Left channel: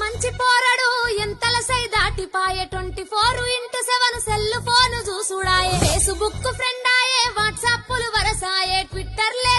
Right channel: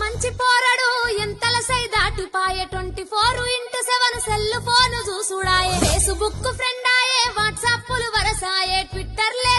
మంచి పోరడు ఎంతల సై దాటిపాయే 24x7 cell phone చూసుడాయే Facebook friend ఆయే వాట్సాప్లు వరసాయే Twitter లే